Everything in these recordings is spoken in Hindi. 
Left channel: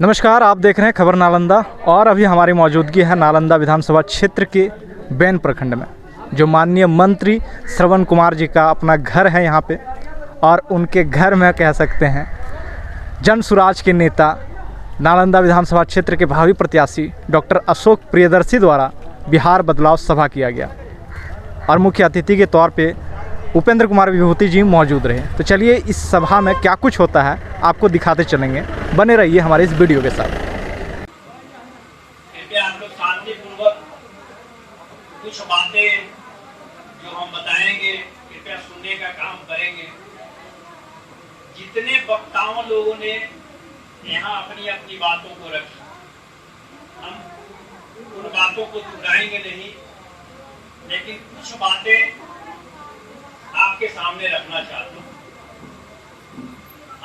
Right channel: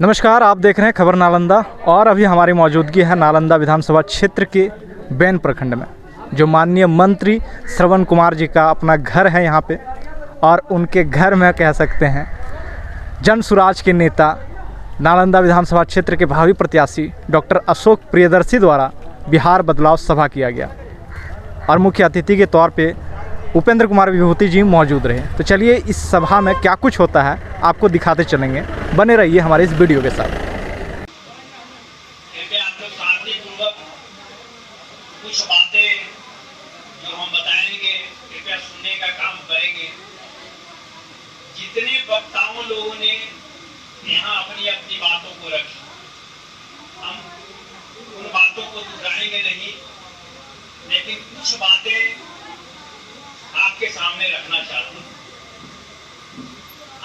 नमस्कार, आप देख रहे हैं खबर नालंदा और अभी हमारी मौजूदगी है नालंदा विधानसभा क्षेत्र के बैन प्रखंड में, जो माननीय मंत्री श्रवण कुमार जी का अपना घर है यहाँ पे। और उनके घर में कह सकते हैं जन सुराज के नेता नालंदा विधानसभा क्षेत्र के भावी प्रत्याशी डॉक्टर अशोक प्रियदर्शी द्वारा बिहार बदलाव सभा किया गया और मुख्य अतिथि के तौर पे उपेंद्र कुमार विभूति जी मौजूद रहे। तो चलिए इस सभा में क्या कुछ होता है आपको दिखाते चलेंगे, बने रहिए हमारे इस वीडियो के साथ। कृपया आप लोग शांतिपूर्वक कुछ बातें जो हम बताएंगे कृपया सुनने का काम करेंगे। जितने वक्ताओं लोगों ने यहाँ अपनी अपनी बातों को रखी, हम उन बातों को दोहराएंगे नहीं, लेकिन कुछ बातें आपके सामने रखना चाहता हूँ।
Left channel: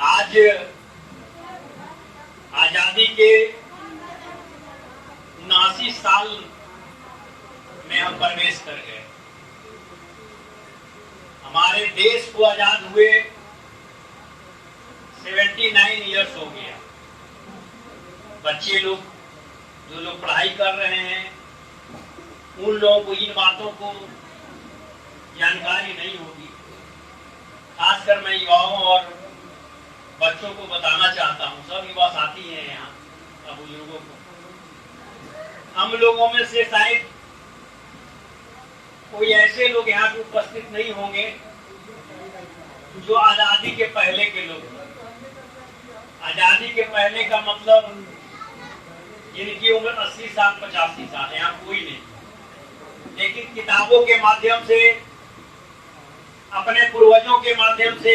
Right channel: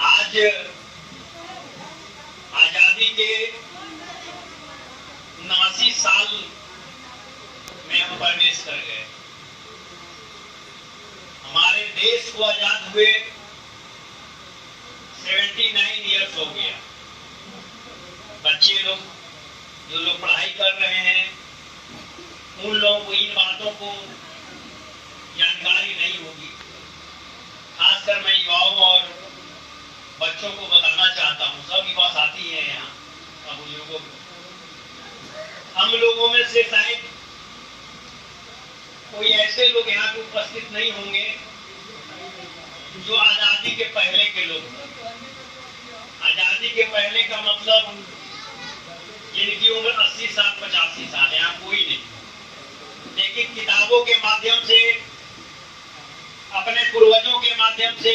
आज आजादी के 79 साल में हम प्रवेश कर गए। हमारे देश को आजाद हुए 79 इयर्स हो गया। बच्चे लोग जो लोग पढ़ाई कर रहे हैं उन लोगों को इन बातों को जानकारी नहीं होगी। खासकर मैं युवाओं और बच्चों को बताना चाहता हूँ, सब युवा साथी हैं यहाँ, सब बुजुर्गों को। हम लोगों में से शायद कोई ऐसे लोग यहाँ पे उपस्थित नहीं होंगे जो आजादी के पहले के लोग थे। आजादी के पहले का मतलब जिनकी उम्र 80 साल 85 साल, यहाँ कोई नहीं। लेकिन किताबों के माध्यम से, अपने पूर्वजों के माध्यम से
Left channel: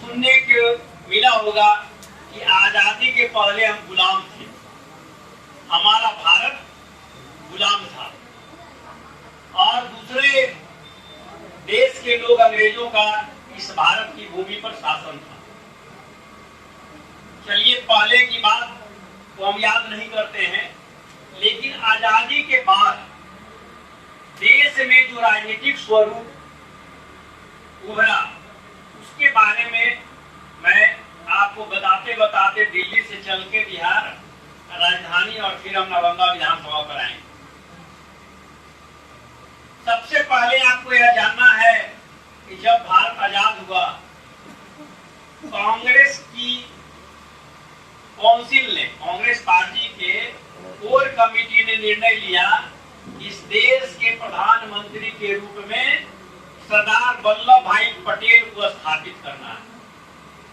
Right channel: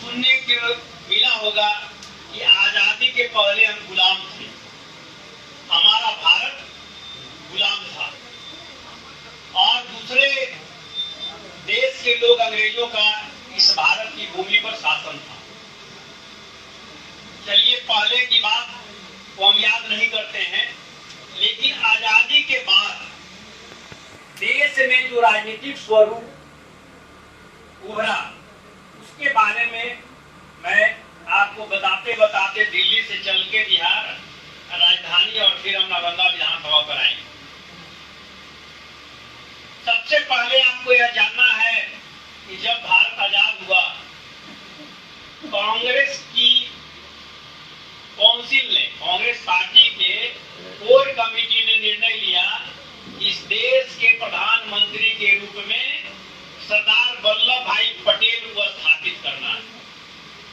सुनने को मिला होगा कि आजादी के पहले हम गुलाम थे, हमारा भारत गुलाम था और दूसरे देश के लोग, अंग्रेजों का इस भारत की भूमि पर शासन था। चलिए, पहले की बात को हम याद नहीं करते हैं, लेकिन आजादी के बाद देश में जो राजनीतिक स्वरूप उभरा उसके बारे में मैं आपको बताते बताते दिल्ली से चल के बिहार राजधानी और फिर हम नालंदा विधानसभा पर आएंगे। सबसे पहले आपको यह जानना है कि जब भारत आजाद हुआ, कांग्रेस की काउंसिल ने, कांग्रेस पार्टी के कोर कमेटी ने निर्णय लिया इस देश के प्रधानमंत्री के रूप में सरदार वल्लभ भाई पटेल को स्थापित करना है।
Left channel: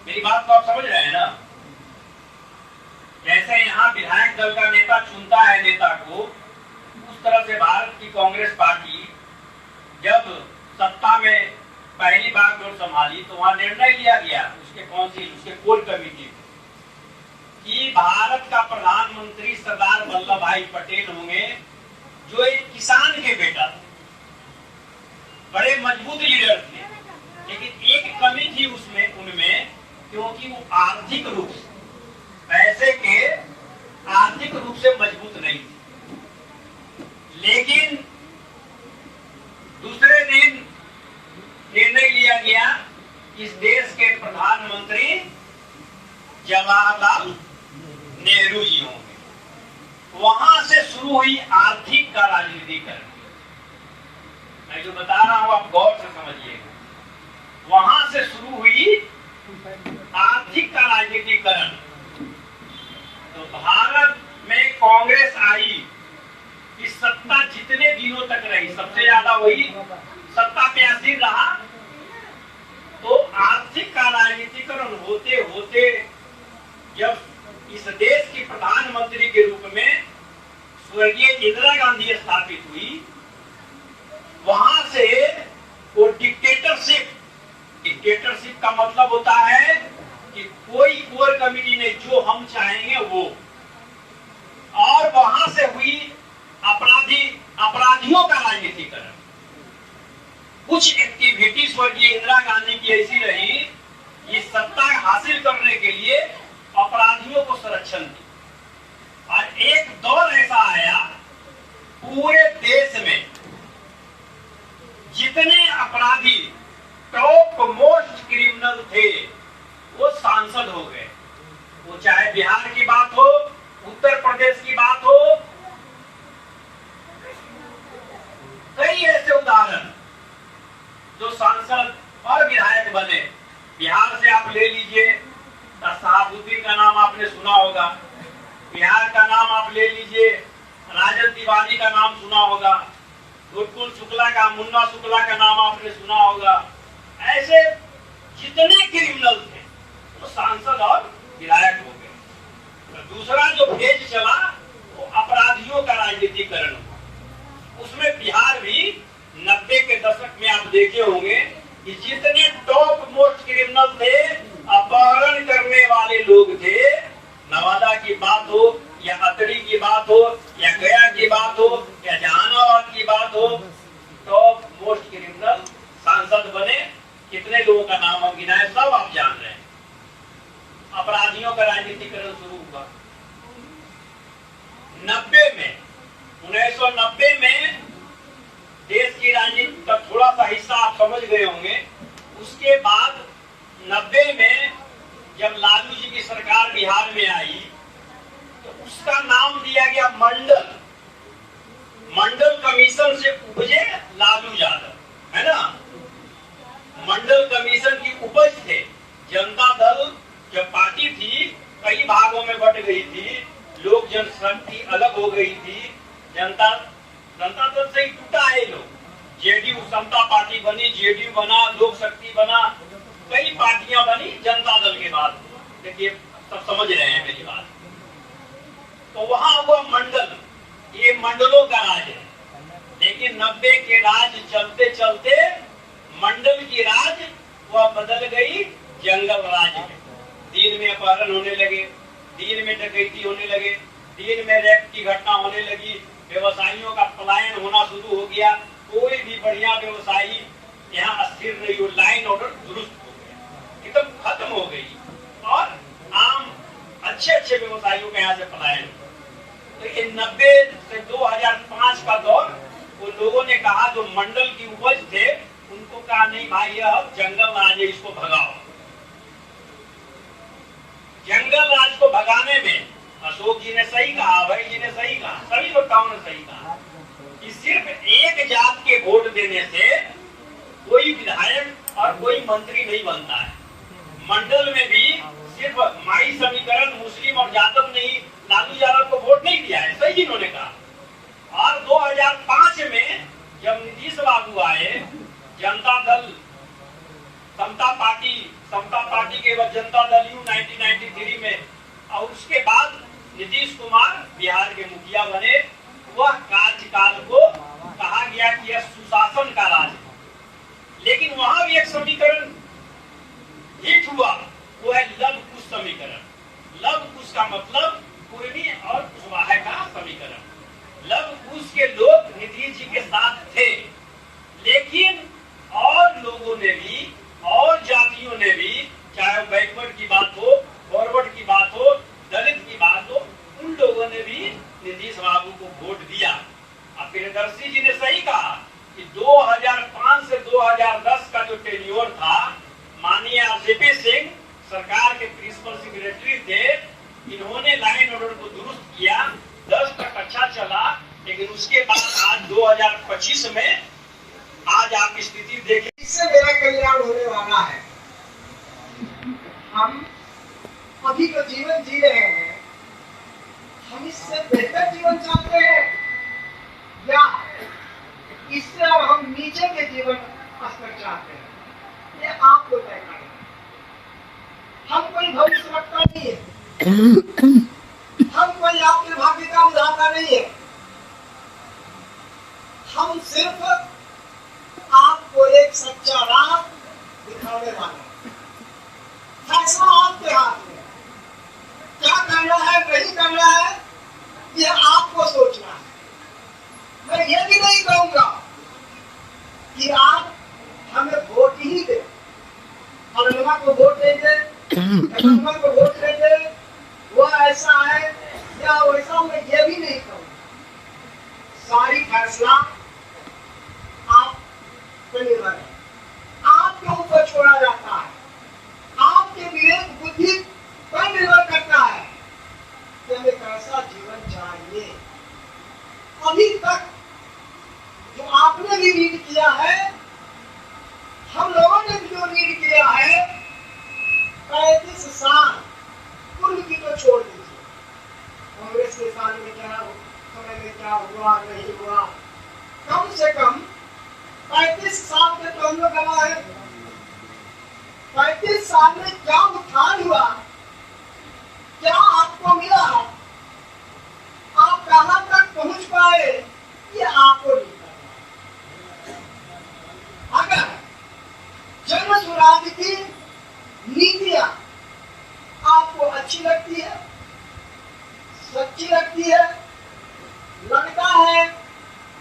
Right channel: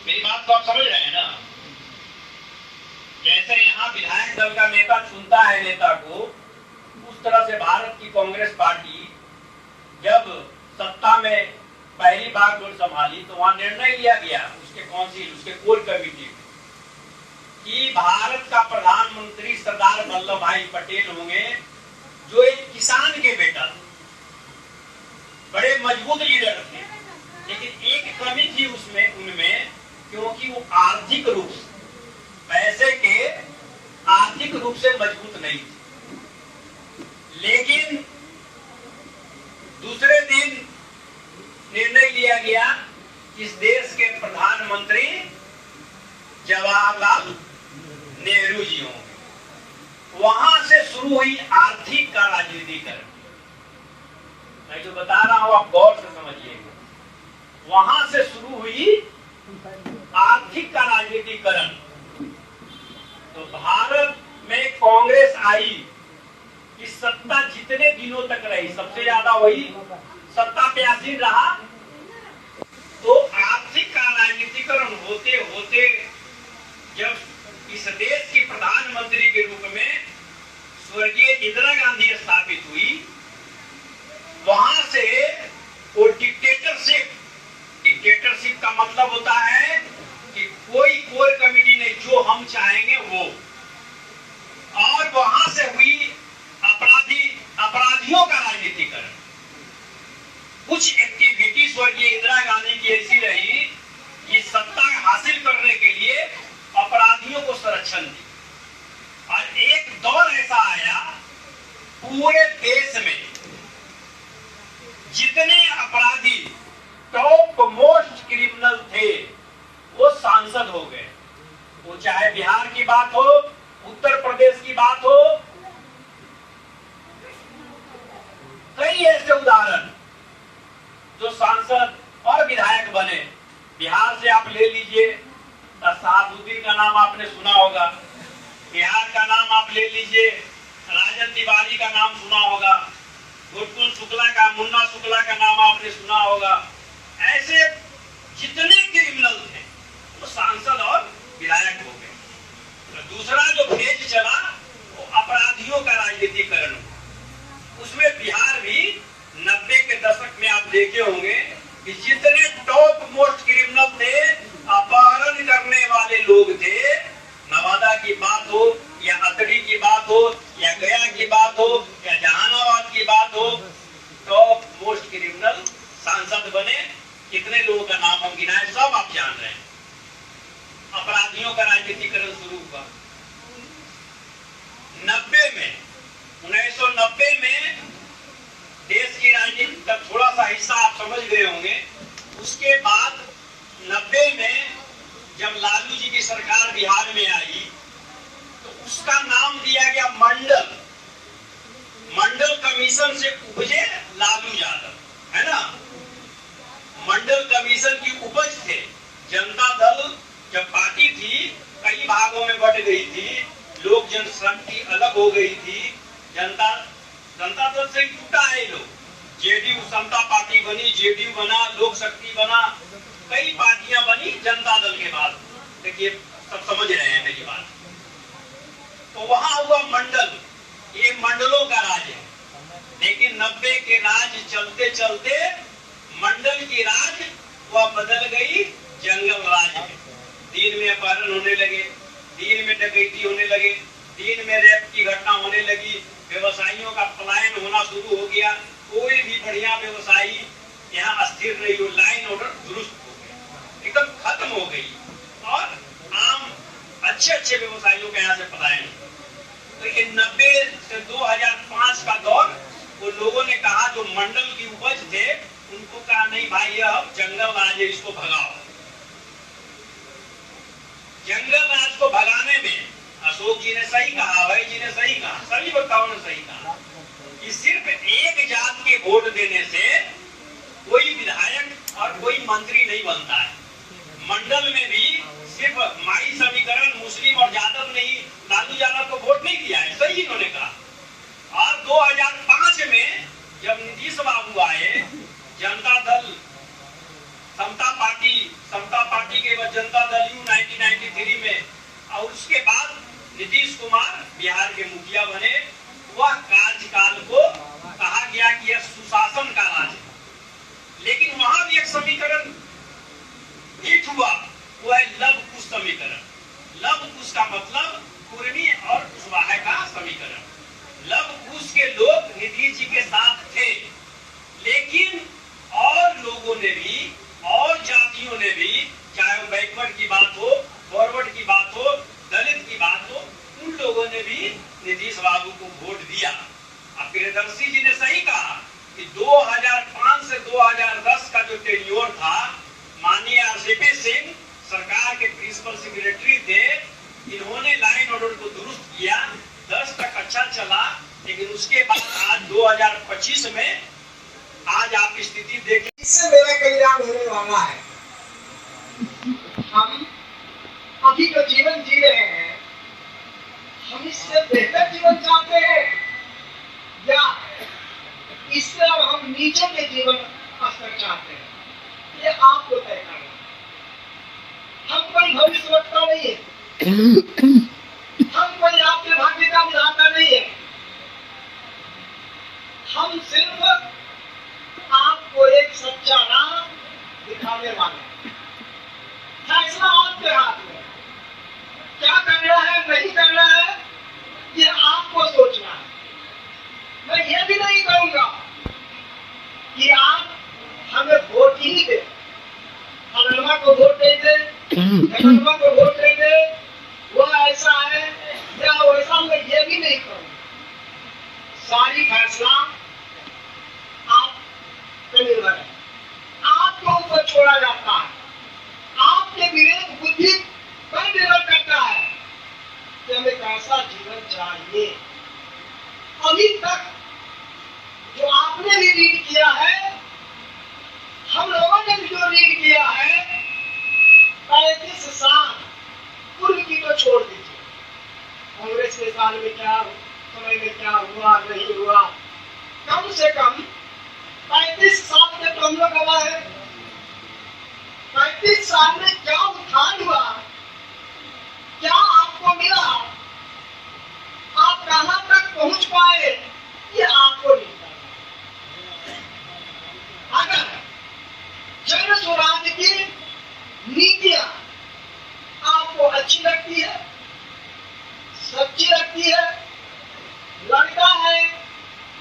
मेरी बात तो आप समझ रहे हैं ना? जैसे यहाँ विधायक दल का नेता चुनता है नेता को, उस तरह से भारत की कांग्रेस पार्टी जब सत्ता में पहली बार डोर संभाली तो वहां निर्णय लिया गया उसके काउंसिल, उसके कोर कमेटी कि भारत का प्रधानमंत्री सरदार वल्लभ भाई पटेल होंगे, जो एक किसान के बेटा थे, बड़े मजबूत लीडर थे। लेकिन एक कमी थी उसमें, उनमें, क्योंकि वो आर्थिक रूप से, पैसे के आर्थिक रूप से मजबूत नहीं थे। लेकिन दूसरे दिन निर्णय लिया गया इस देश के प्रधानमंत्री जवाहरलाल नेहरू जी होंगे। वहां से शुरू हुई आर्थिक का राजनीतिकरण। मैं जो बता रहा हूं आप गौर से समझिएगा। वहां से शुरू हुई आर्थिक का राजनीतिकरण। तो भारत में कांग्रेस आई, इस सत्ता जितने दिनों तक रही, सबसे ज्यादा वही सत्ता पे आसीन रहा। तो आर्थिक का राजनीतिकरण होते होते जब इस देश की प्रधानमंत्री के रूप में स्वर्गीय इंदिरा गांधी स्थापित हुई, वहां से वो डिक्टेटरशिप का मतलब होता है कि कोई कोर कमेटी नहीं, जो हम चाहेंगे वो। और वहां से हुई अपराधियों का राजनीतिकरण। कुछ एक्टिविटी स्वर्गीय इंदिरा गांधी की ऐसी रही, ये सत्ता हासिल करने के लिए अपराधियों को संरक्षण दी। और एक दौर ऐसा आया पूरे देश में जितने अपराधी टॉप मोस्ट क्रिमिनल थे वो सांसद हो गए, वो चाहे बिहार की बात हो, उत्तर प्रदेश की बात हो, कई ऐसे उदाहरण जो सांसद और विधायक बने। बिहार से आप ले लीजिए, शहाबुद्दीन का नाम आपने सुना होगा, बिहार का नाम आप ले लीजिए, राजन तिवारी का नाम सुना होगा, गुरकुल शुक्ला का, मुन्ना शुक्ला का नाम आपने सुना होगा। ऐसे जितने क्रिमिनल थे वो सांसद और विधायक हो गए। तो दूसरा जो फेज चला वो अपराधियों का राजनीतिकरण हुआ। उसमें बिहार भी 90 के दशक में आप देखे होंगे कि जितने टॉप मोस्ट क्रिमिनल थे, अपहरण करने वाले लोग थे, नवादा की बात हो या अतरी की बात हो या गया की बात हो या जहानाबाद की बात हो, टॉप मोस्ट क्रिमिनल सांसद बने। कितने लोगों का नाम हम गिनाए, सब आप जान रहे हैं। अपराधियों का राजनीतिकरण शुरू हुआ 90 में, 1990 में देश की राजनीति का थोड़ा सा हिस्सा आप समझ गए होंगे। उसके बाद 90 में जब लालू जी की सरकार बिहार में आई तो उसका नाम दिया गया मंडल। मंडल कमीशन से उपजे लालू यादव, है ना। मंडल कमीशन की उपज थे। जनता दल जब पार्टी थी कई भागों में बट गई थी, लोक जनशक्ति अलग हो गई थी, जनता दल से टूटा है लोग। जेडीयू समता पार्टी बनी, जेडीयू बना, लोक शक्ति बना, कई पार्टियां बनी जनता दल के बाद। देखिए सब समझ रहे हैं मेरी बात। तो वहां हुआ मंडल, ये मंडलों का राज है। लेकिन 90 के राज चलते चलते मंडल की राज वह बदल गई जंगल राज में। दिन में अपहरण होने लगे, दिन में डकैती होने लगे, दिन में रेप की घटना होने लगी, व्यवसायियों का पलायन होना शुरू हो गया। कोई भी बढ़िया व्यवसायी यहाँ अस्थिर नहीं हो, लाइन ऑर्डर दुरुस्त हो गया, एकदम खत्म हो गई और आम अच्छे व्यवसायियों का यहाँ से पलायन। तो ये 90 से 2005 का दौर, वो लोगों ने कहा जो मंडल की उपज थे उनको कहा नहीं भाई ये अब जंगल राज है, इसको भगाओ। जंगल राज को भगाने में अशोक जी ने सही कहा, अभय जी ने सही कहा, सभी वक्ताओं ने सही कहा कि सिर्फ एक जात के वोट देने से कोई विधायक और कोई मंत्री नहीं बनता है। मंडल में भी सिर्फ माई समीकरण मुस्लिम और यादव नहीं, लालू यादव को वोट नहीं दिया है, सही इन्होंने कहा। और 2005 में जब नीतीश बाबू आए, जनता दल समता पार्टी के बाद जनता दल यू 1993 में, और उसके बाद नीतीश कुमार बिहार के मुखिया बने। वह कार्यकाल को कहा गया कि यह सुशासन का राज है। लेकिन वहां भी एक समीकरण हिट हुआ, वो है लव कुश समीकरण। लव कुश का मतलब कुर्मी और कुशवाहा का समीकरण। लव कुश के लोग नीतीश जी के साथ थे, लेकिन और लोगों ने भी और जातियों ने भी, चाहे बैकवर्ड की बात हो, फॉरवर्ड की बात हो, दलित की बात हो, उन लोगों ने भी नीतीश बाबू को वोट दिया। अब प्रियदर्शी जी ने सही कहा कि 2005 से 2010 का जो टेन्योर था, माननीय आरसीपी सिंह सरकार के प्रिंसिपल सेक्रेटरी थे, इन्होंने लाइन ऑर्डर को दुरुस्त किया, 10 तक अच्छा चला। लेकिन उसके बाद आज 2025 में आज आप स्थिति देखें, इससे मेरा कल्याण होने वाला है। हम अभी जो जीवन जी रहे हैं, हम इससे बेहतर जीवन चाहते हैं या इससे अब हम नीचे के जीवन स्तर चाहते हैं, ये आपको तय करना। हम कोई भविष्य वक्ता नहीं है, हम कोई आपके भाग्य का उदाहरण नहीं है। हम सिर्फ आपको एक सच्चा राह दिखाने वाले हैं। फैसला आपके हाथ में, क्या करना है नहीं करना है ये आपको सोचना है। मैं ये भी नहीं कहूंगा कि आप हमें वोट ही दे, अनुमा को वोट दे दे, अनुमा को वोट दे दे, वो ऐसा है या वैसा, मैं ये भी नहीं कहूंगा। सारी फैसला आप पे निर्भर है, आपके ऊपर छोड़ा जाता है, आपके विवेक बुद्धि पर निर्भर करता है। हमें कैसा जीवन चाहिए। अभी तक जो आपने भी रीड किया है, हम लोगों ने भी जो रीड किया है, 35 साल पूर्व की तो छोड़ दीजिए, कांग्रेस के साल में क्या समय में क्या हुआ नहीं हुआ, कम से कम 35 साल के तो हम लोग गवा है। 35 साल में क्या उत्थान हुआ, क्या आपको मिला, आप कहां तक पहुंच पाए, ये आपको नहीं पता। अगर जन स्वराज की नीतियां आपको अच्छी लगती है, सच्ची लगती है, लगता है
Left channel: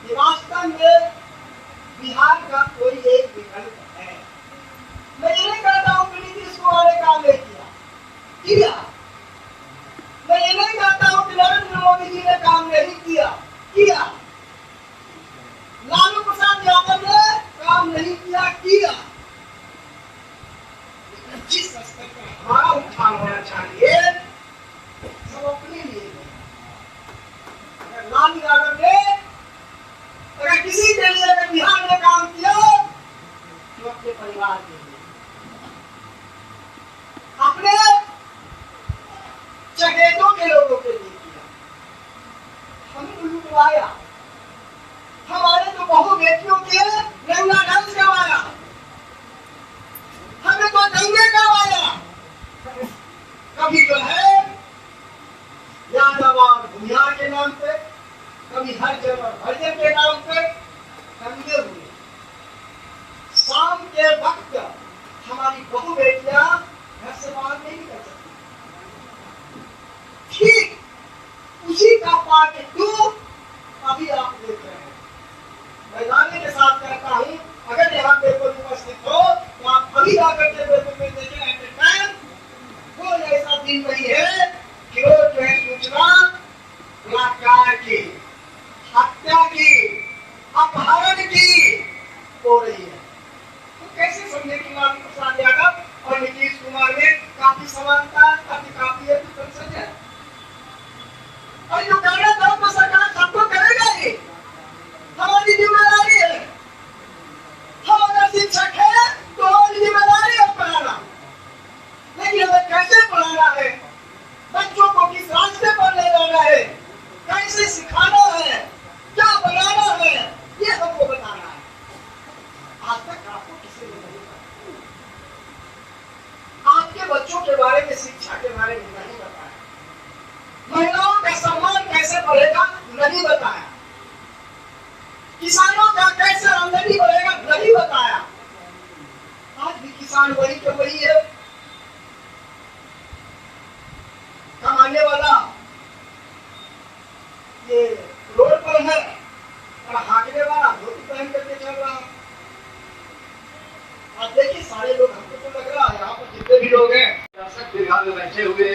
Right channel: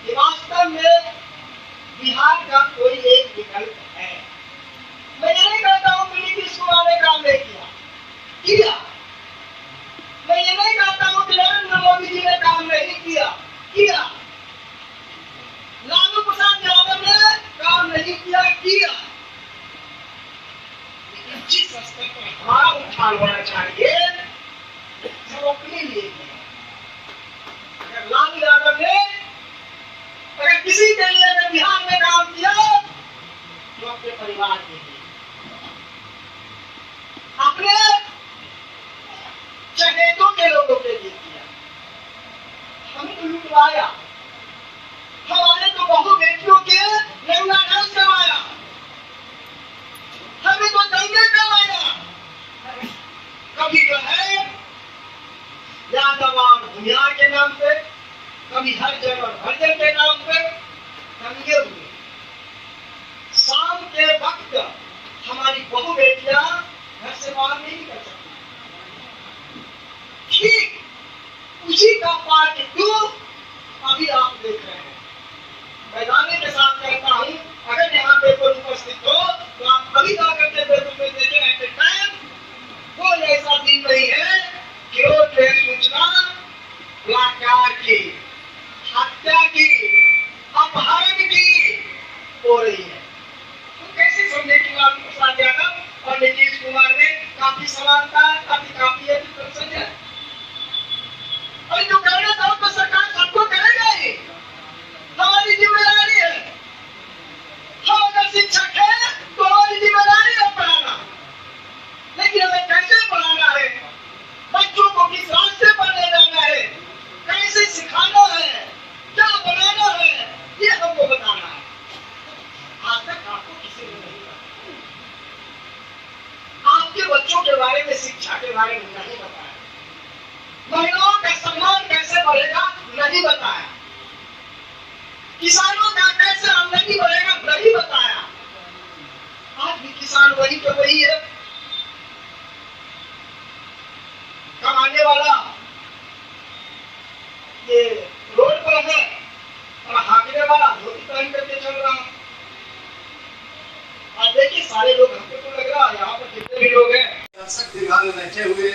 कि वास्तव में बिहार का कोई एक विकल्प है। मैं ये नहीं कहता हूं कि नीतीश कुमार ने काम नहीं किया। मैं ये नहीं कहता हूं कि नरेंद्र मोदी जी ने काम नहीं किया। लालू प्रसाद यादव ने काम नहीं किया। जिस स्तर पर हमारा उठान होना चाहिए, सब अपने लिए। अगर लालू यादव ने अगर किसी के लिए अगर बिहार में काम किया तो अपने परिवार के लिए, अपने चहेतों के लोगों के लिए किया। हमें तो लुटवाया, हमारे तो बहु बेटियों के लंगा डांस करवाया, हमें तो दंगे करवाया। कभी जो है यादवार भूमिहार के नाम पे, कभी हर जगह भरजन के नाम पे दंगे हुए। शाम के वक्त हमारी बहु बेटियां घर से बाहर नहीं निकल सकती। ठीक उसी का पार्ट 2 अभी आप देख रहे हैं। मैदानी के साथ कहता हूं, अगर यहाँ पे कोई उपस्थित हो तो आप अभी जाकर के पेपर में देखें। एट ए टाइम वो ऐसा दिन नहीं है कि वो ट्रेन सूचना बलात्कार की, हत्या की, अपहरण की हो रही है। तो कैसे समझे कि लालू प्रसाद यादव और नीतीश कुमार में काफी समानता, काफी डिफरेंस है। और जो करना था तो सरकार सबको करेगा ही, हमारी जिम्मेदारी है। हम अगर शिक्षक है तो हमारी जिम्मेदारी है पढ़ाना, लेकिन हमें कैसे पढ़ाना है, बच्चों को किस रास्ते पर ले जाना है, कैसे सिखाना है, क्या बनाना है, ये हमको बताना है। आज तक आपको किसी ने नहीं बताया। आपके बच्चों के बारे में, शिक्षा के बारे में नहीं बताया। महिलाओं का सम्मान कैसे बढ़ेगा नहीं बताया। किसानों का कैसे आमदनी बढ़ेगा नहीं बताया। आज भी किसान वही तो वही है, कमाने वाला ये रोड पर है और हाकने वाला धोती पहन करके चल रहा है। आप देखिए सारे लोग, हमको तो लग रहा है यहाँ पर जितने भी लोग हैं दर्शक दीर्घा में बैठे हुए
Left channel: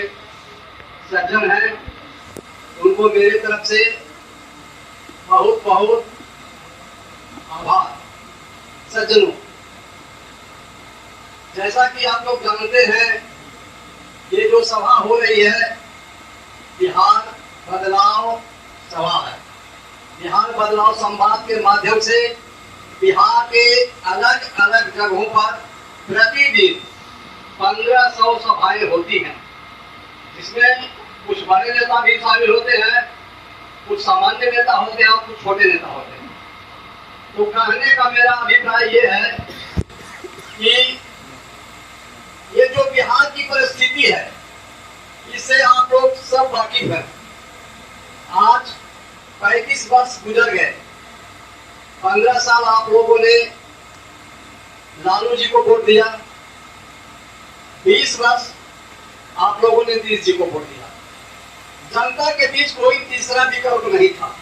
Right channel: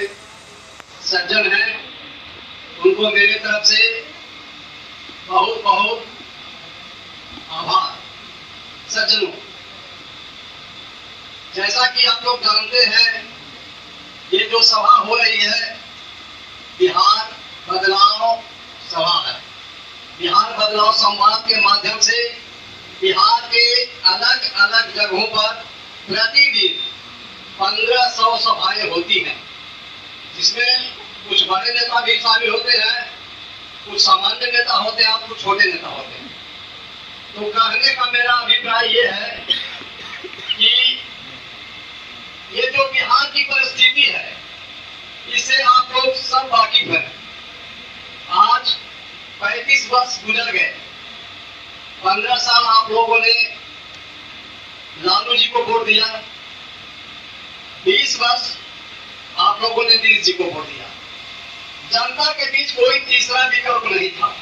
सज्जन हैं, उनको मेरी तरफ से बहुत बहुत आभार। सज्जनों, जैसा कि आप लोग जानते हैं, ये जो सभा हो रही है बिहार बदलाव सभा है। बिहार बदलाव संवाद के माध्यम से बिहार के अलग अलग जगहों पर प्रतिदिन 1500 सभाएं होती हैं, जिसमें कुछ बड़े नेता भी शामिल होते हैं, कुछ सामान्य नेता होते हैं और कुछ छोटे नेता होते हैं। तो कहने का मेरा अभिप्राय ये है कि ये जो बिहार की परिस्थिति है, इससे आप लोग सब वाकिफ हैं। आज 35 वर्ष गुजर गए। 15 साल आप लोगों ने लालू जी को वोट दिया, 20 वर्ष आप लोगों ने नीतीश जी को वोट दिया। जनता के बीच कोई तीसरा विकल्प नहीं था।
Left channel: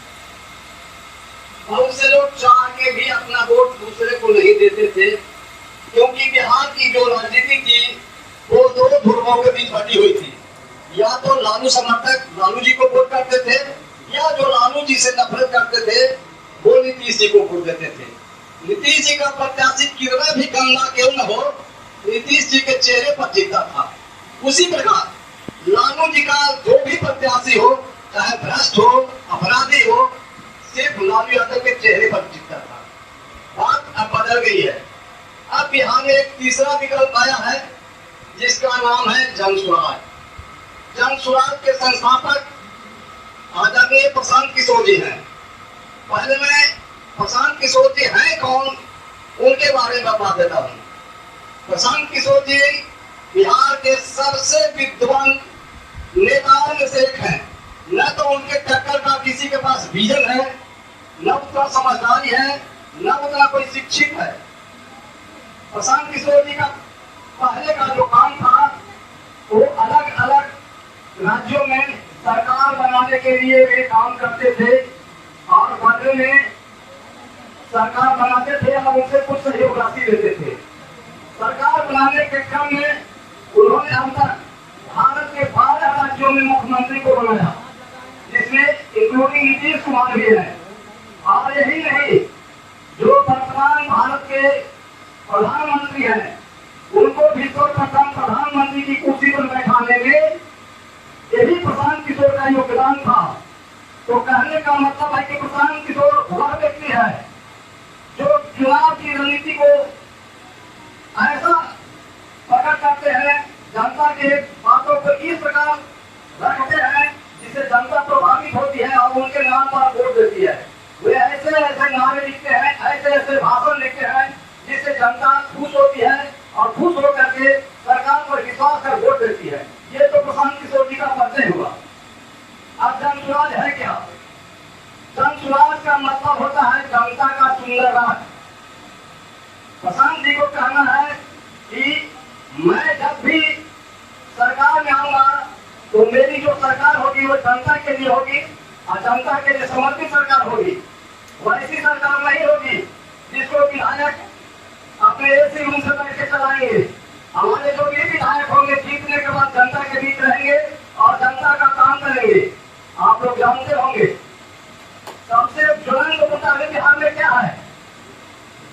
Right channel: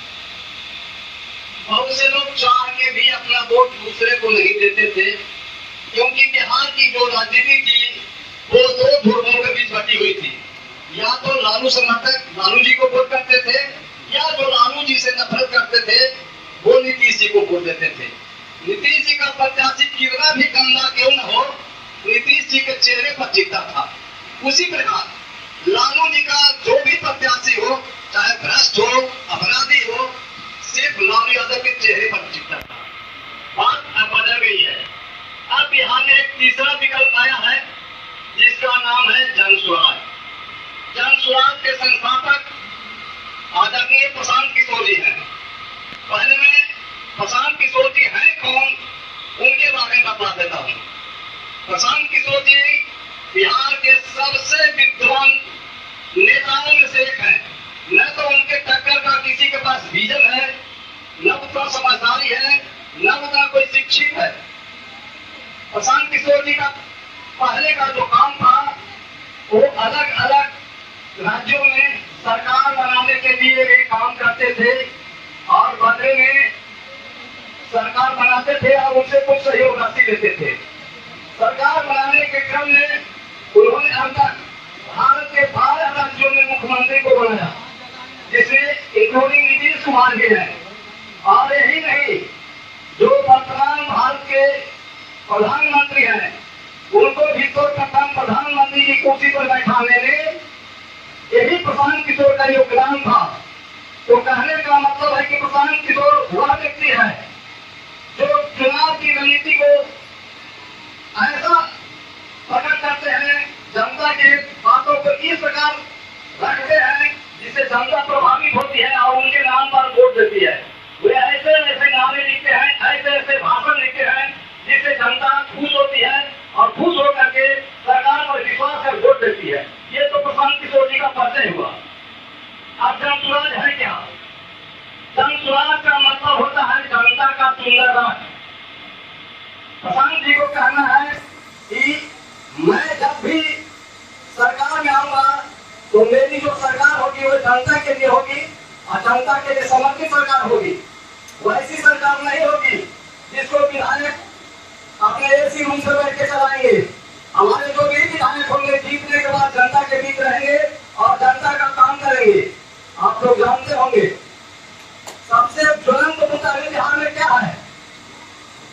बहुत से लोग चाह के भी अपना वोट दूसरे को नहीं देते थे, क्योंकि बिहार की जो राजनीति थी वो 2 ध्रुवों के बीच बटी हुई थी। या तो लालू समर्थक लालू जी को वोट करते थे, या जो लालू जी से नफरत करते थे वो नीतीश जी को वोट देते थे। नीतीश जी का प्रत्याशी कितना भी गंदा क्यों न हो, नीतीश जी के चेहरे पर दिखता था। उसी प्रकार लालू जी का जो भी प्रत्याशी हो भ्रष्ट हो, अपराधी हो, सिर्फ लालू यादव के चेहरे पर चिपका था। बात अब बदल गई है। अब बिहार में एक तीसरा विकल्प आया है जिसका नाम है जन स्वराज। जन स्वराज के संस्थापक आदरणीय प्रशांत किशोर जी हैं। पहले मैं प्रशांत किशोर जी हैं कौन, उनके बारे में बता देता हूँ। प्रशांत किशोर जी बिहार के सबसे विद्वान नेताओं में से एक हैं। न तो उनके टक्कर का किसी के पास विजन है, न उतना समझदारी है, न उतना कोई शिक्षित है। प्रशांत किशोर जी का पहले का जो काम था वो अलग अलग राज्यों में सरकार बनाने के लिए वे काम करते थे और बदले में सरकार बनाते थे और उनसे कुछ सहयोग राशि लेते थे। सरकार बनाने के क्रम में उन्होंने अब तक भारत के 12 राज्यों में मुख्यमंत्री को बनाया, जिसमें इंक्लूडिंग नीतीश कुमार भी है। और यही नहीं, जो वर्तमान भारत के प्रधानमंत्री हैं उनको भी तो प्रधानमंत्री की कुर्सी पर बैठाने में यही प्रशांत किशोर का योगदान था। तो कहने का मतलब है कि प्रशांत किशोर वह व्यक्ति है जो चुनाव की रणनीति को ऐसा प्रकट करते हैं, जनता के बातों को इस प्रकार रखते हैं जिससे जनता प्रभावित होती है और उनके नाम पर वोट देती है। वे ऐसे ऐसे नारे लिखते हैं, ऐसे ऐसे भाषण लिखते हैं जिससे जनता खुश होती है और खुश होकर के सरकार पर विश्वास कर वोट देती है। ये तो प्रशांत किशोर जी का परिचय हुआ। अब जन स्वराज है क्या? जन स्वराज का मतलब होता है जनता का सुंदर राज। प्रशांत जी को कहना है कि मैं जब भी सरकार में आऊंगा तो मेरी जो सरकार होगी वो जनता के लिए होगी और जनता के लिए समर्पित सरकार होगी। वैसी सरकार नहीं होगी जिसको विधायक अपने एसी रूम से बैठ के चलाएंगे। हमारे जो भी विधायक होंगे जीतने के बाद जनता के बीच रहेंगे और जनता का काम करेंगे। आप लोग जानते होंगे सबसे ज्वलंत मुद्दा बिहार में क्या है?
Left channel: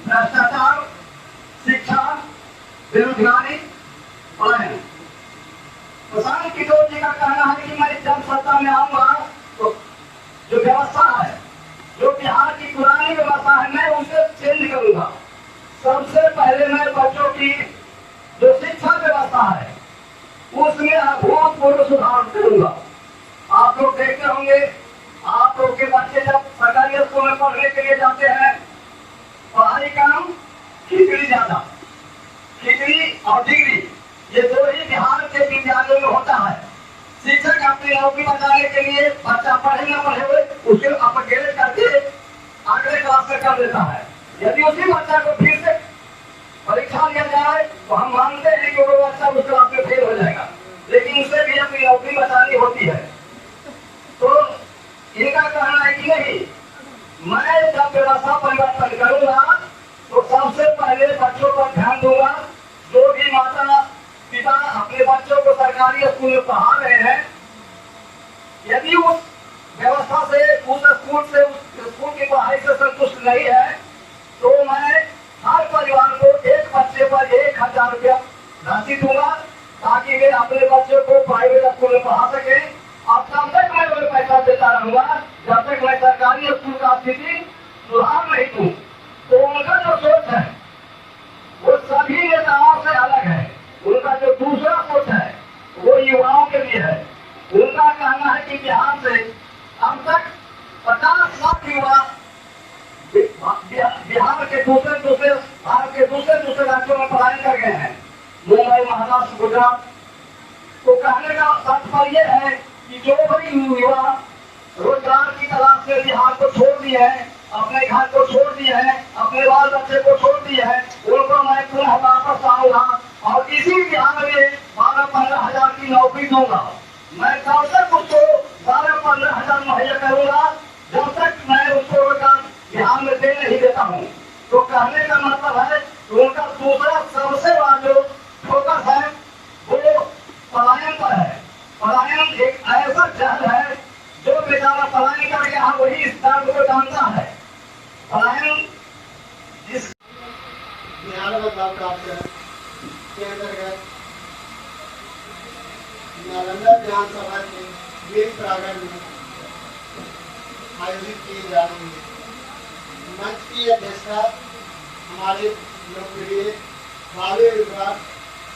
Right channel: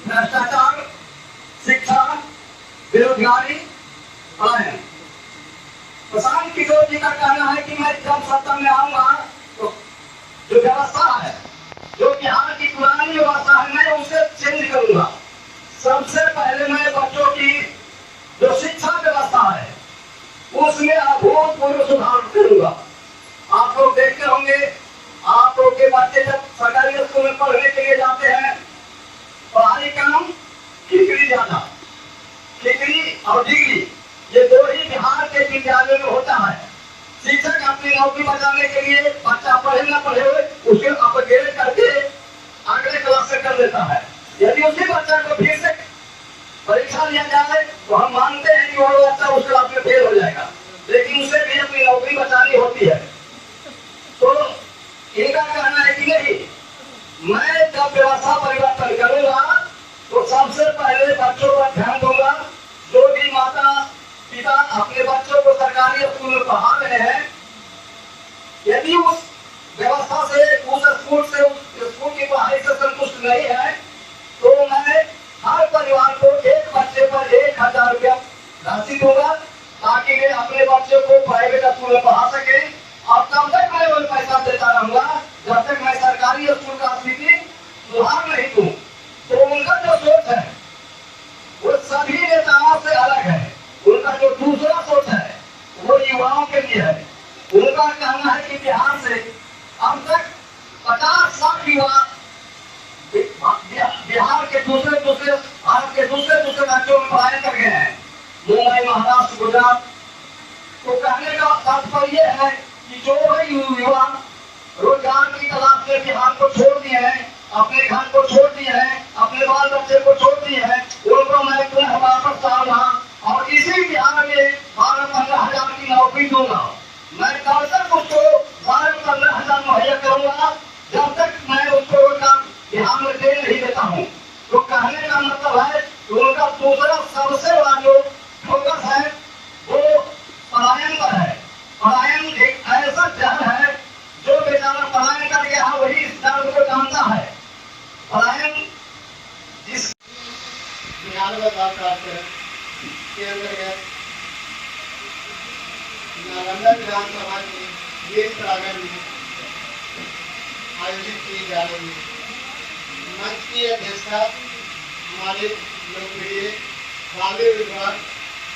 भ्रष्टाचार, शिक्षा, बेरोजगारी, पलायन। प्रशांत किशोर जी का कहना है कि मैं जब सत्ता में आऊंगा तो जो व्यवस्था है, जो बिहार की पुरानी व्यवस्था है, मैं उसे चेंज करूंगा। सबसे पहले मैं बच्चों की जो शिक्षा व्यवस्था है उसमें अभूतपूर्व सुधार करूंगा। आप लोग देखते होंगे, आप लोग के बच्चे जब सरकारी स्कूल में पढ़ने के लिए जाते हैं, पढ़ाई कम, खिचड़ी ज्यादा। खिचड़ी और डिग्री ये दो ही बिहार के विद्यालयों में होता है। शिक्षक अपनी नौकरी बचाने के लिए बच्चा पढ़े ना पढ़े उसे अपग्रेड करके अगले क्लास से कर देता है। यदि उसी बच्चा को फिर से परीक्षा लिया जाए तो हम मानते हैं कि वो बच्चा उस क्लास में फेल हो जाएगा, लेकिन उसे भी अपनी नौकरी बचानी होती है। तो इनका कहना है कि नहीं, मैं जब व्यवस्था परिवर्तन करूंगा तो सबसे पहले बच्चों पर ध्यान दूंगा। जो भी माता पिता अपने बच्चों को सरकारी स्कूल में पढ़ा रहे हैं, यदि उस व्यवस्था से, उस स्कूल की पढ़ाई से संतुष्ट नहीं है तो मैं हर परिवार को एक बच्चे पर 1000 रुपया राशि दूंगा ताकि वे अपने बच्चों को प्राइवेट स्कूल में पढ़ा सके। और तब तक मैं वो पैसा देता रहूंगा जब तक मैं सरकारी स्कूल का स्थिति सुधार नहीं दूं। तो उनका जो सोच है वो सभी नेताओं से अलग है। उनका जो दूसरा सोच है वो युवाओं के लिए है। उनका कहना है कि बिहार से अब तक 50 लाख युवा बिहार के भारत के दूसरे राज्यों में पढ़ाई कर गए हैं, मुंबई, महाराष्ट्र, गुजरात। तो कहने का तात्पर्य है कि जो भी युवा रोजगार की तलाश से बिहार को छोड़ दिए हैं, अपने घर को छोड़ दिए हैं, अपने बाल बच्चे को छोड़ दिए हैं, उनको मैं पुनः वापस आऊंगा और इसी बिहार में 12-15 हजार की नौकरी दूंगा। मैं तब तक उसको 12-15 हजार मुहैया करूंगा जब तक मैं उसको रोजगार बिहार में दे नहीं देता हूँ। तो कहने का मतलब है कि उनका दूसरा सबसे बड़ा जो फोकस है वो पलायन पर है। पलायन एक ऐसा जहर है जो बेचारा पलायन कर गया है वही इस दर्द को जानता है। पलायन जिस 92 साल प्राप्त है के अंतर्गत नालंदा विधानसभा के 20 प्रांगण में आयोजित की जा रही है। मंच की अध्यक्षता हमारे लोकप्रिय भावी विभाग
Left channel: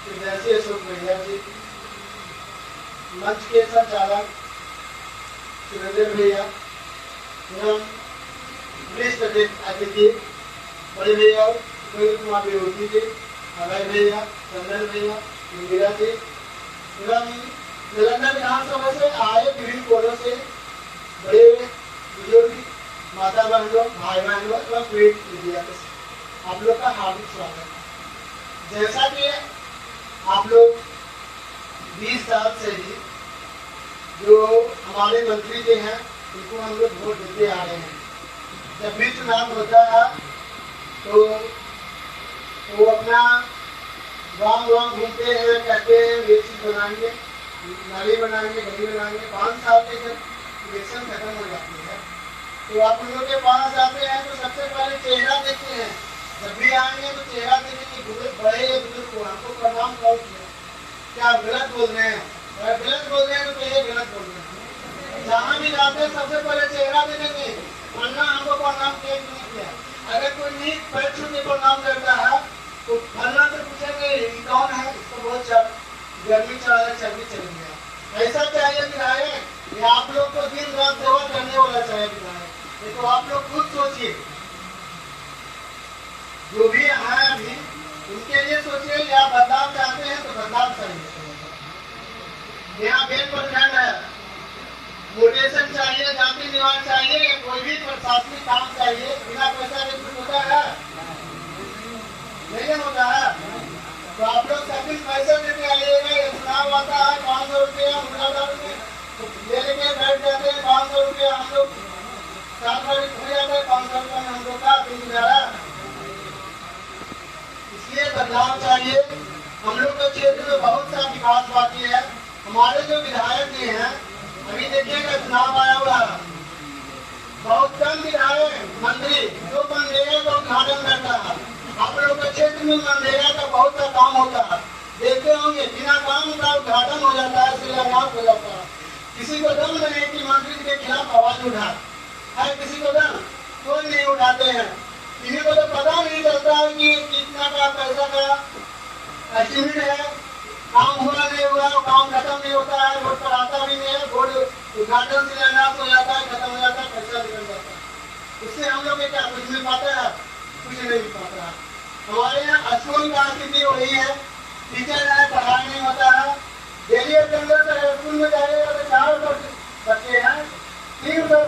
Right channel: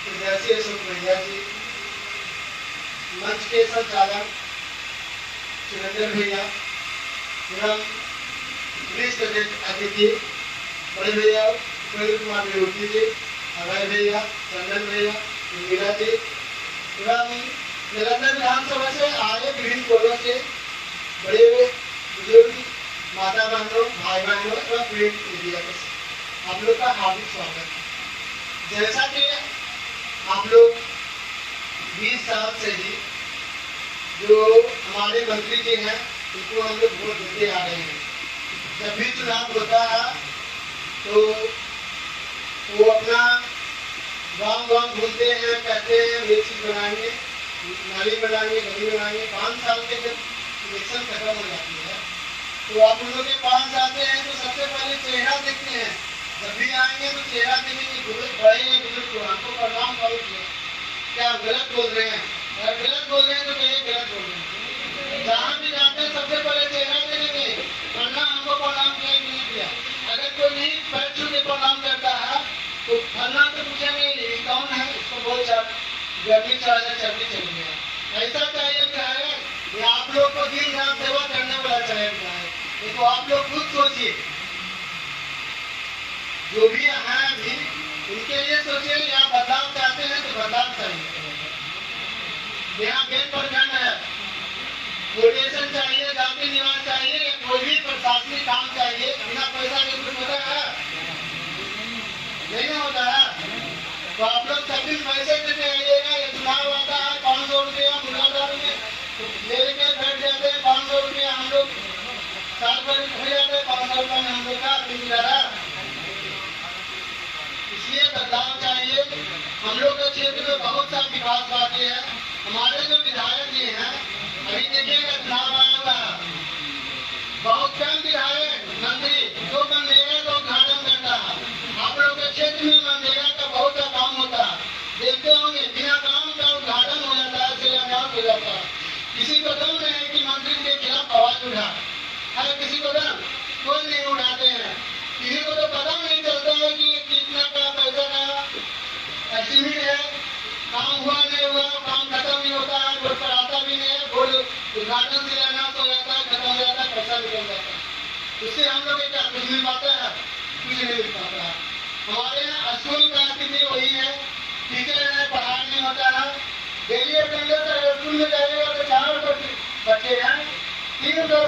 प्रदर्शी अशोक भैया जी, मंच के संचालक सुरेंद्र भैया एवं वरिष्ठ अतिथि बड़े भैया प्रवीण कुमार विरोधी जी, अभय भैया, चंदन भैया, इंदिरा जी एवं निरंतर विधानसभा से आए विभिन्न कोणों से बड़े बुजुर्ग, माता बहनों, भाई बहनों एवं प्रिंट मीडिया के आप लोग का हार्दिक स्वागत है। जैसा कि आप लोग 20 साल से ही जो हमारे मंत्री जी हैं उनको हम लोग वोट देते आ रहे हैं। जब भी चुनाव होता है तो वो अपना गाँव घूमते हैं, कहते हैं ये चीज बनाएंगे, नाली बनाएंगे, गली बनाएंगे। 5 साल के जब इलेक्शन खत्म हो जाती है तो आप लोगों के पास आते हैं तो सबसे पहले चेहरा देखते हैं। जब भी आएंगे तो चेहरा देखेंगे, बड़े बुजुर्ग को हमको प्रणाम करोगे, क्या गलत बोल रहे हैं? अगर गलत बोल रहे हैं तो कहिए गलत बोल रहे हैं। जहाँ भी जाते हैं सबसे पहले चेहरा देखेंगे, वरना हमको प्रणाम किया कि नहीं किया। अगर कोई नहीं पैर छू के प्रणाम करता है तो फलना से पूछेंगे ये कौन है, इसको बहुत गर्मी चढ़ा चर्बी चल गया। ऐसा चाहिए विधायक, ये आप लोग को दिन रात सेवा करने वाला चाहिए विधायक। ये तो आप लोग खुद सोचिए, जो भी है अभी उनके लिए सोचिए, या बदलाव चाहते हैं तो बदलाव चाहिए। यहाँ बेल प्रखंड है, मोटिवेशन चाहिए, जाति निवास चाहिए, कोई भी प्रशासनिक काम चाहिए, बिना पैसा के कुछ होता है? नहीं होता है। तो आप लोग सभी पैसे देके आइएगा। चुनाव आता है 500 रुपये मुलाकात में ले लेके बैठ जाते हैं। 500 रुपये हम लोग साल भर हो जाते हैं, 500 रुपये में हम लोग का दिन गुजारा। इसलिए बदलाव चाहिए। हम लोग के क्षेत्र में बहुत सा विकास बाकी है। हमारे जो विधायक जी हैं, अभी देखिएगा चुनाव आया हुआ है, बहुत कम विधायक मंत्री जो मनरेगा का उद्घाटन करता है। आप लोग के क्षेत्र में मनरेगा का बहुत सा काम होता है, देखते होंगे बिना काम का उद्घाटन हो जाता है, शिलान्यास हो जाता है। किसी को दम नहीं कि मंत्री के खिलाफ आवाज उठा है, किसी को दम कोई नहीं उठाते हैं। किसी को तो पता नहीं चलता है कि कितना का पैसा का एस्टिमेट है, काम हुआ नहीं हुआ, काम खत्म नहीं होता है, वोट पर आता भी नहीं है, वोट उद्घाटन शिलान्यास हो जाता है, खत्म हो जाता है, पैसा निकल जाता है। उससे हम लोग क्या कुछ मिल पाता है? कुछ नहीं मिल पाता है। हमारे यहाँ स्कूल का स्थिति वही है, टीचर है, पढ़ाई नहीं होता है। डेली अटेंडेंस स्कूल में जाएगा तो 400 बच्चे हैं, 300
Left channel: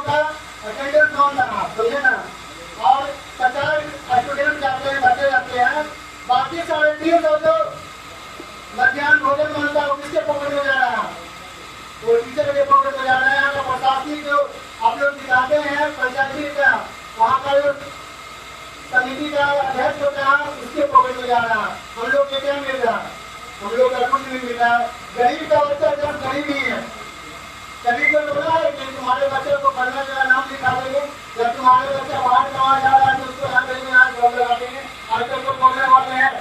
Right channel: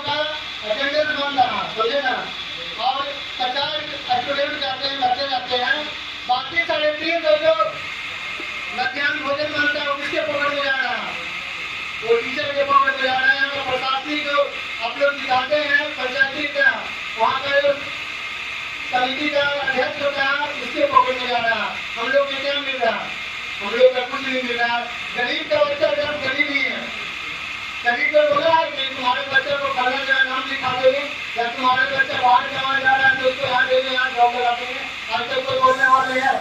का अटेंडेंस कौन रहा, समझे ना? और 50 स्टूडेंट जाते हैं, बच्चे जाते हैं, बाकी 350 जो मध्याह्न भोजन बनता है वो किसके पॉकेट में जा रहा है? वो टीचर के पॉकेट में जा रहा है। तो प्रशासनिक जो आप लोग दिखाते हैं, पंचायती का वहाँ का जो समिति का अध्यक्ष होता है उसके पॉकेट में जा रहा है। हम लोग के क्या मिल रहा है? हम लोग का कुछ नहीं मिल रहा है। गरीब का बच्चा जब गरीब ही है, कभी को बोला है कि तुम्हारे बच्चे को फलना जगह नाम लिखा देंगे, जब तुम्हारे बच्चा बाहर कमा जा रहा है तो उसको यहाँ देंगे, यहाँ जॉब लगा देंगे। आजकल तो बोलने वाले हैं,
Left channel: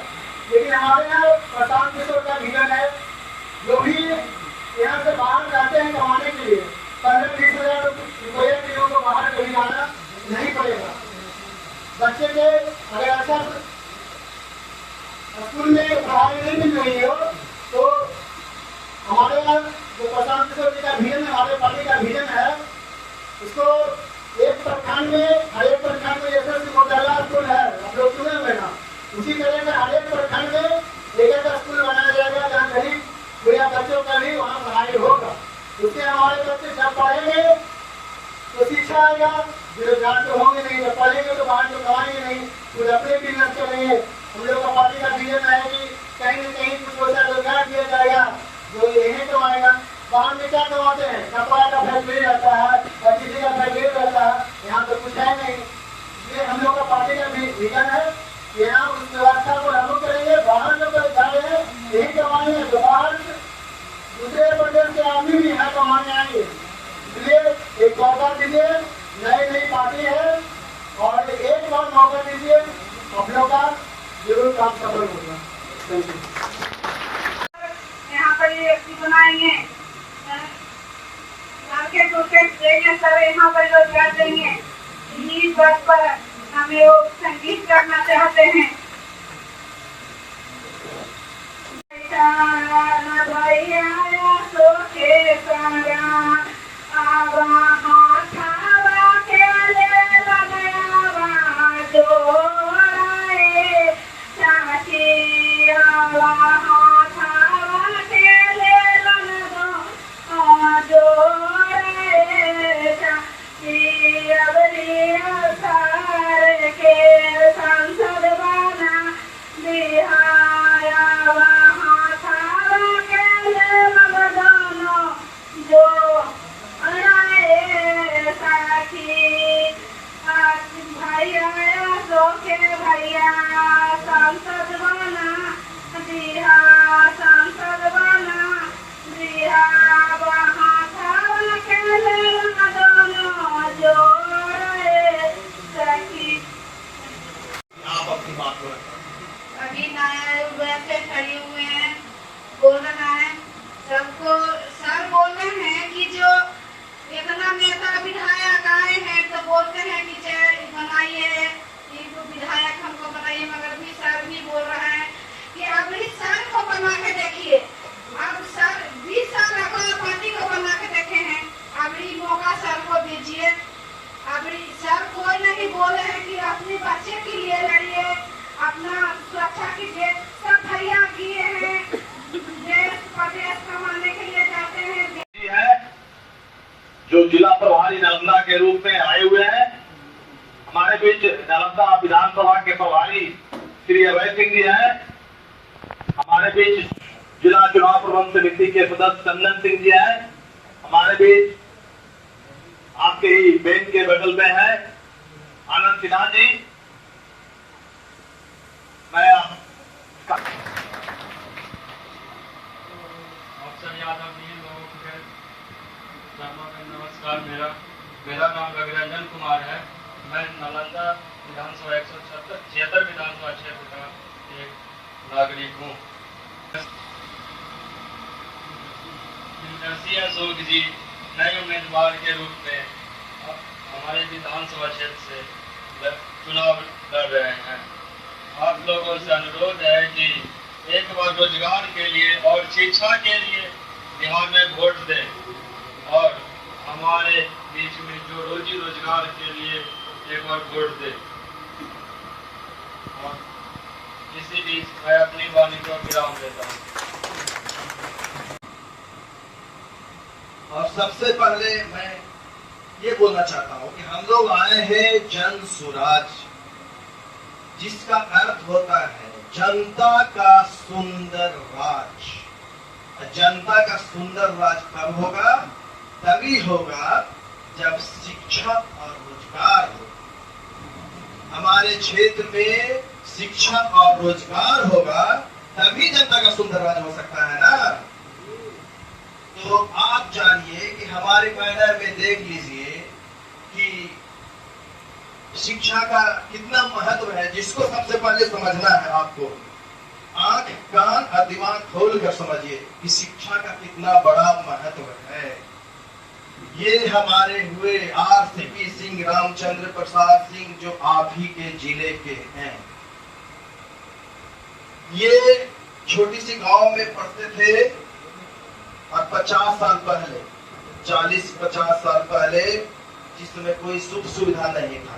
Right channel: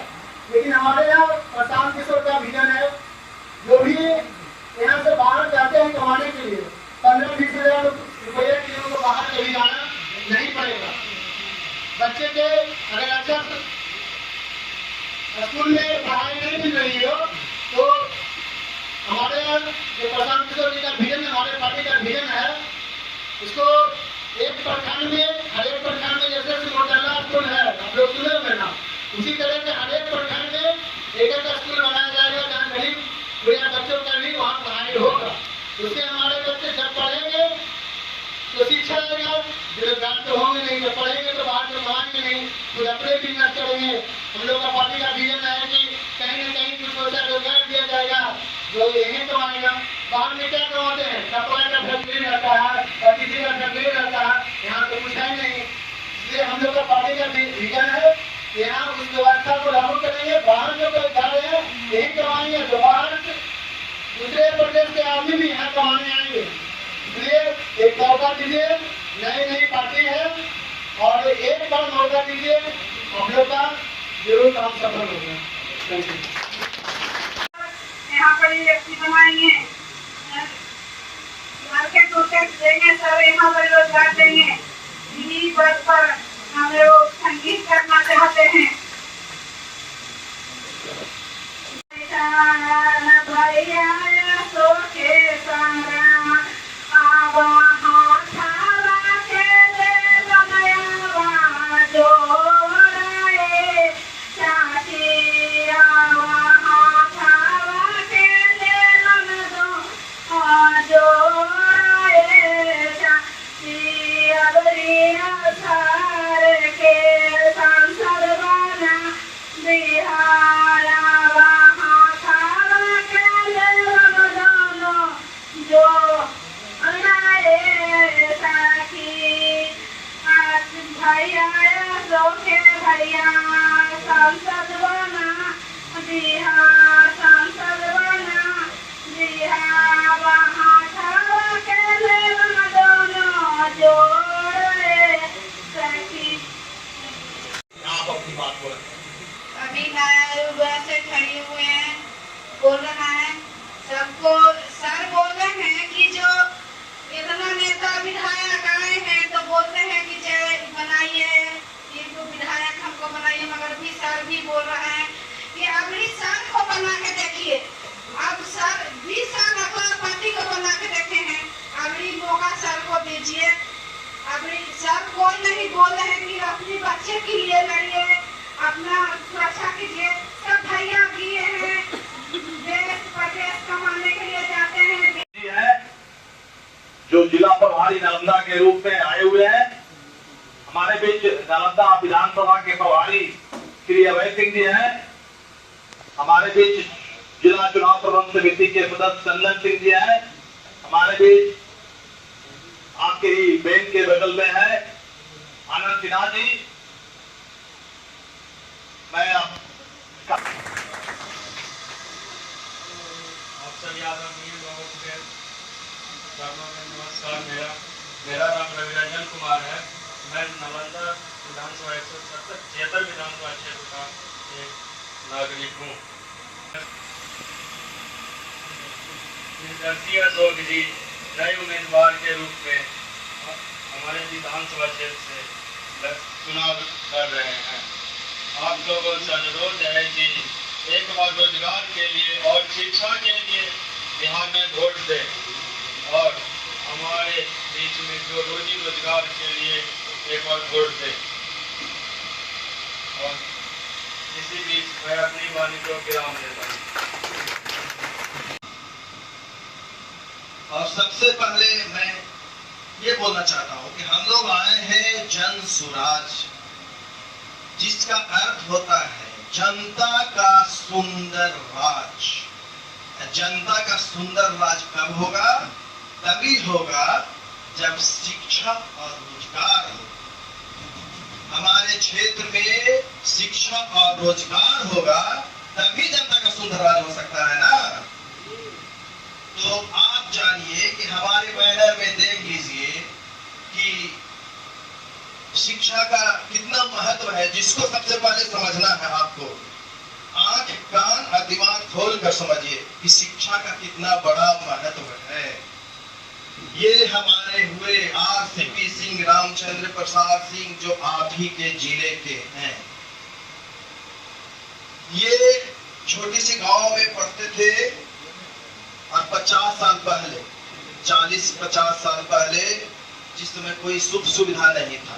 लेकिन हमारे यहाँ प्रशांत किशोर का विजन है, जो भी यहाँ से बाहर जाते हैं कमाने के लिए 15-20 हजार रुपये किलो को बाहर कभी जाना नहीं पड़ेगा। बच्चे के अगर अच्छा स्कूल में पढ़ाई नहीं मिल रही हो तो हमारे यहाँ जो प्रशांत किशोर जी का विजन, हमारे पार्टी का विजन है, उसको एक प्रखंड में, हर एक प्रखंड में जैसे मोटरला स्कूल है, आप लोग सुने हुए ना, उसी तरह से हर एक प्रखंड में एक स्कूल बनाया जाएगा जहाँ गरीब बुढ़िया बच्चों का भी वहाँ पढ़ाई होगा। उससे हमारे बच्चे जब पढ़ेंगे तो शिक्षा आएगा, बेरोजगार तो होंगे नहीं, जब पढ़ेंगे तो बाहर तो कमाएंगे नहीं, तो अपने बिजनेस करेंगे। हम लोग का पार्टी का विजन है कि कहीं न कहीं कुछ ऐसा रोजगार दिया जाएगा जो यही कमाएगा। बाहर में क्या कमाते हैं? कपड़ा का फैक्ट्री रहता है या किसी का फैक्ट्री रहता है, यहाँ तो कुछ है नहीं। इसलिए हम लोग का पार्टी का विजन है, यहाँ उस व्यवस्था को लागू करेंगे। बाहर जो जा रहे हैं यही कमाएंगे, तो बाहर दूसरे प्रदेश के आदमी भी यहाँ कमाने आएंगे। इसलिए एक मौका दीजिए, नई पार्टी है और एक बार मौका दीजिए, हम लोग का जरूर काम सफल होगा। यहाँ पर ये बनाएंगे के टूटे देंगे, सर यहाँ पर रोजगार देंगे। इस बात पर हम लोग संगीत करना चाहते हैं। भैया सो के संगा अब हाथावा के ले लगावा जोड़ाए चाची आवा हाथावा के ले लगा जोड़ाए चाची अबरी सार के संसद बना बिहारा भैया सांसद बना दिया, सांसद बना दिया, वहाँ के दोनों जोड़े सखी। आप अपनी बात बोलें। अभी नया लोग वैसे खड़े हुए हैं, बोल रहा है सबको। सर बोल रहे हैं कि जो इतना नेता विधायक आए हैं तो बोलते हैं कि जय बनाइए, विधायक हमको बनाइए, मगर भी सर भी बोल रहा है कि अभी सर को बना के देखिए। अब सर 20 साल अपना पार्टी को बना के देखे हैं, अभी मौका सर को दीजिए। अभी सर कोई नहीं बोल रहे कि अपने बच्चे के लिए लड़िए, अपना सुरक्षा कीजिए। सब भैया किए हैं, देश प्रदेश कमाने के लिए जाते हैं। जो जिला प्रभारी नालंदा के रूप में आए हुए हैं, हमारे बीच नालंदा विधानसभा के प्रभारी श्री अभय सिंह जी हैं। हमारे बीच जिला चुनाव प्रबंध समिति के सदस्य चंदन सिंह जी हैं। हमारे बीच आपके ही बैंक के बगल में है आनंद सिन्हा जी। मैं आपका नमस्कार। मेरा नाम रविरंजन कुमार है। मैं नालंदा विधानसभा 176 विधानसभा क्षेत्र का एक नागरिक हूँ। अशोक जी नए उम्मीदवार के रूप में हमारे विधानसभा क्षेत्र से चुनाव लड़ रहे हैं। आप लोगों से अनुरोध है कि एक बार रोजगार के लिए और शिक्षा के लिए बिहार में वोट दें और हमारे बीच में जो रोजी रोजगार के लिए एक बार वोट दें। और इसी बीच मैं अपनी वाणी को विराम देता हूँ। और सबसे पहले मैं ये बोलना चाहता हूँ कि हम लोग आए हैं जन स्वराज, जिसका अर्थ होता है जनता का सुंदर राज। जनता का सुंदर राज कब होगा? तभी होगा जब शिक्षा और रोजगार हो। हमारे क्षेत्र में शिक्षा और रोजगार होगा तभी जनता का सुंदर राज हो सकता है ना। तो आप जानिए कि हमारे बैनर में देख लीजिए कि शिक्षा का कितना महत्व है, जिसको सबसे पहले समझना है। आपको आंख कान और दिमाग खोल कर समझिए कि शिक्षा का कितना बड़ा महत्व है। ये हमारे हुए आरसीपी सिंह रामचंद्र प्रसाद सिंह जो आप ही के जिले के हैं। ये छोटी सी गांव में पढ़ते थे और 50 साल पहले 40-50 साल पहले जिसमें कोई सुख सुविधा नहीं था,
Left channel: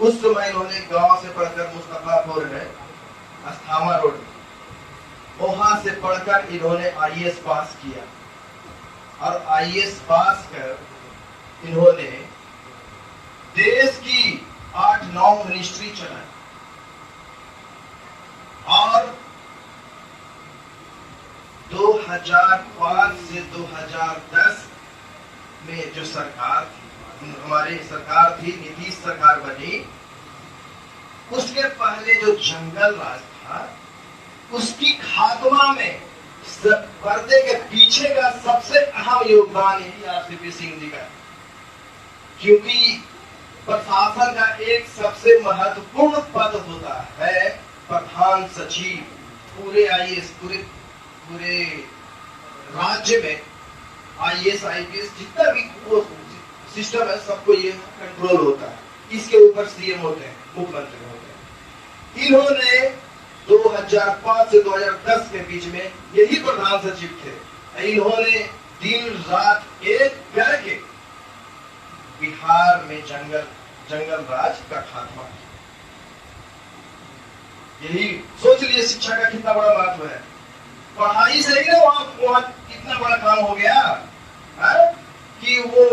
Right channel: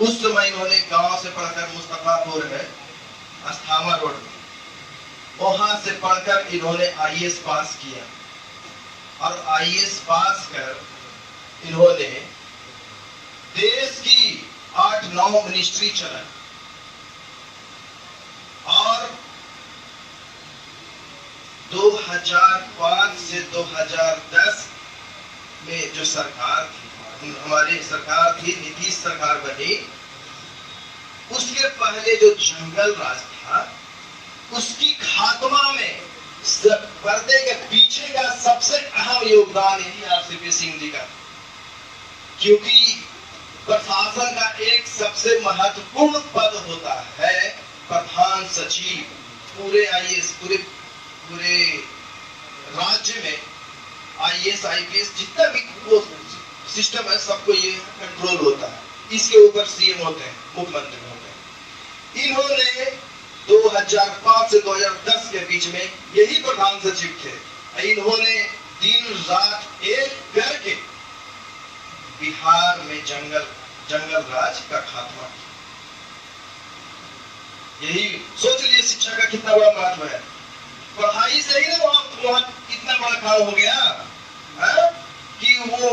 उस समय इन्होंने गांव से पढ़कर मुस्तफापुर है अस्थामा रोड, वहां से पढ़कर इन्होंने आईएएस पास किया और आईएएस पास कर इन्होंने देश की 8-9 मिनिस्ट्री चलाई और 2005 से 2010 में जो सरकार थी, हमारी सरकार थी, नीतीश सरकार बनी, उसके पहले जो जंगल राज था उसकी खात्मा में पर्दे के पीछे का सबसे अहम योगदान यही आरसीपी सिंह जी का, क्योंकि प्रशासन का एक सबसे महत्वपूर्ण पद होता है प्रधान सचिव। पूरे आईएएस पूरे राज्य में IAS IPS जितना भी वो सिस्टम है सबको ये कंट्रोल होता है। इसके ऊपर CM होते हैं, मुख्यमंत्री होते हैं। इन्होंने 2005 से 2010 के बीच में यही प्रधान सचिव थे। इन्होंने दिन रात एक करके बिहार में जंगल राज का खात्मा किया। यही सोच लिए शिक्षा का कितना बड़ा महत्व है। पढ़ाई से ही ना वहां इतना बड़ा काम हो गया है? कि वो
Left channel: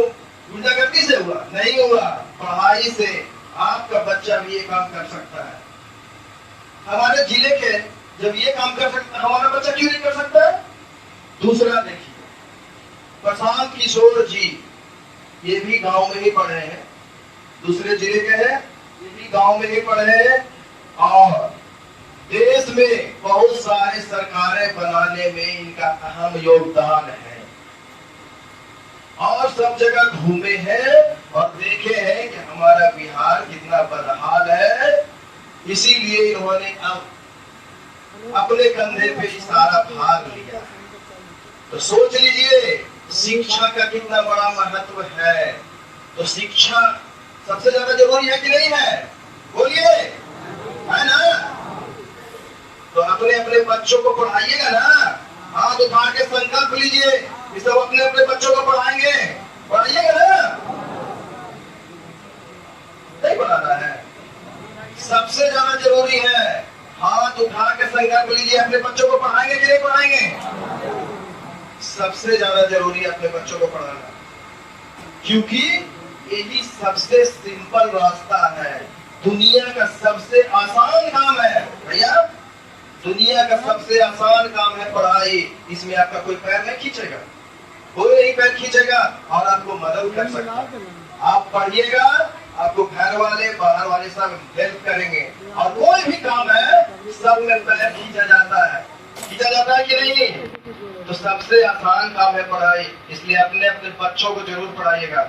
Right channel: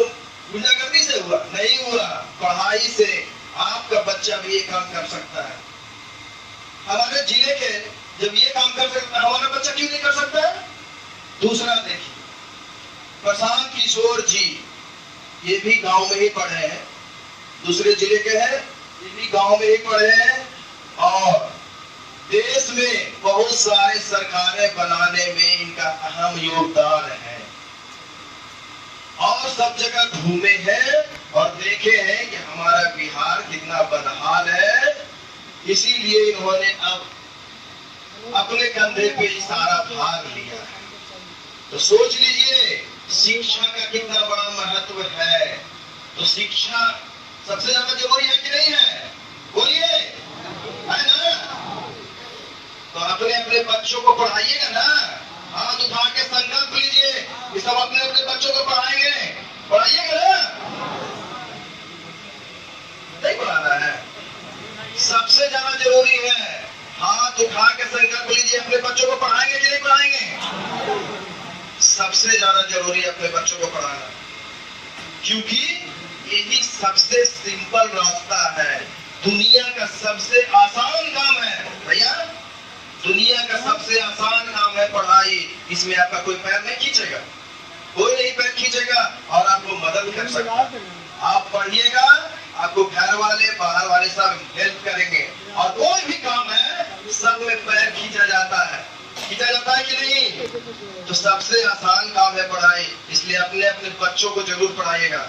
गुंडागर्दी से हुआ नहीं हुआ, पढ़ाई से आपका बच्चा भी ये काम कर सकता है। हमारे जिले के जब ये काम कर सकता है, हमारा बच्चा क्यों नहीं कर सकता? दूसरा देखिए, प्रशांत किशोर जी ये भी गांव में ही पढ़े हैं, दूसरे जिले के हैं, ये भी गांव में ही पढ़े हैं और देश में बहुत सारे सरकारें बनाने में इनका अहम योगदान है और सब जगह घूमे हैं और देखे हैं कि हमारा बिहार कितना बदहाल है। इसीलिए इन्होंने अब अपने कंधे पे ही सारा भार लिया है। तो सोच लीजिए शिक्षा का कितना बड़ा महत्व है। तो शिक्षा सबसे ज्यादा जरूरी है कि नहीं है? बोलिए, है ना? तो अपने अपने बच्चों को पढ़ाइएगा ना, हाथ उठा के संकल्प लीजिए कि सब अपने अपने बच्चों को पढ़ाएंगे। पढ़ाइएगा ना? नहीं पढ़ाना है? सबसे ज्यादा जरूरी है, हाथ उठा के संकल्प लीजिए, अपने बच्चों को पढ़ाएंगे कि नहीं पढ़ाएंगे? सबसे ज्यादा जरूरी है अपने बच्चों को पढ़ाना, क्योंकि यही सबसे सिंपल रास्ता है। दुनिया का सबसे आसान काम है भैया, दुनिया का सबसे आसान काम है पढ़ाई। इसमें आपका कोई पैर नहीं खींचेगा, कोई नहीं पैर खींचेगा और आपको मदद कर सकता है। आप पढ़िएगा, आपको घर वाले बाहर वाले सब हेल्प करेंगे और कोई भी काम है सब में पैर खींचा जाता है कि नहीं? तो सबसे आसान काम है पढ़ाई, इसलिए अपने अपने बच्चों को जरूर पढ़ाइएगा।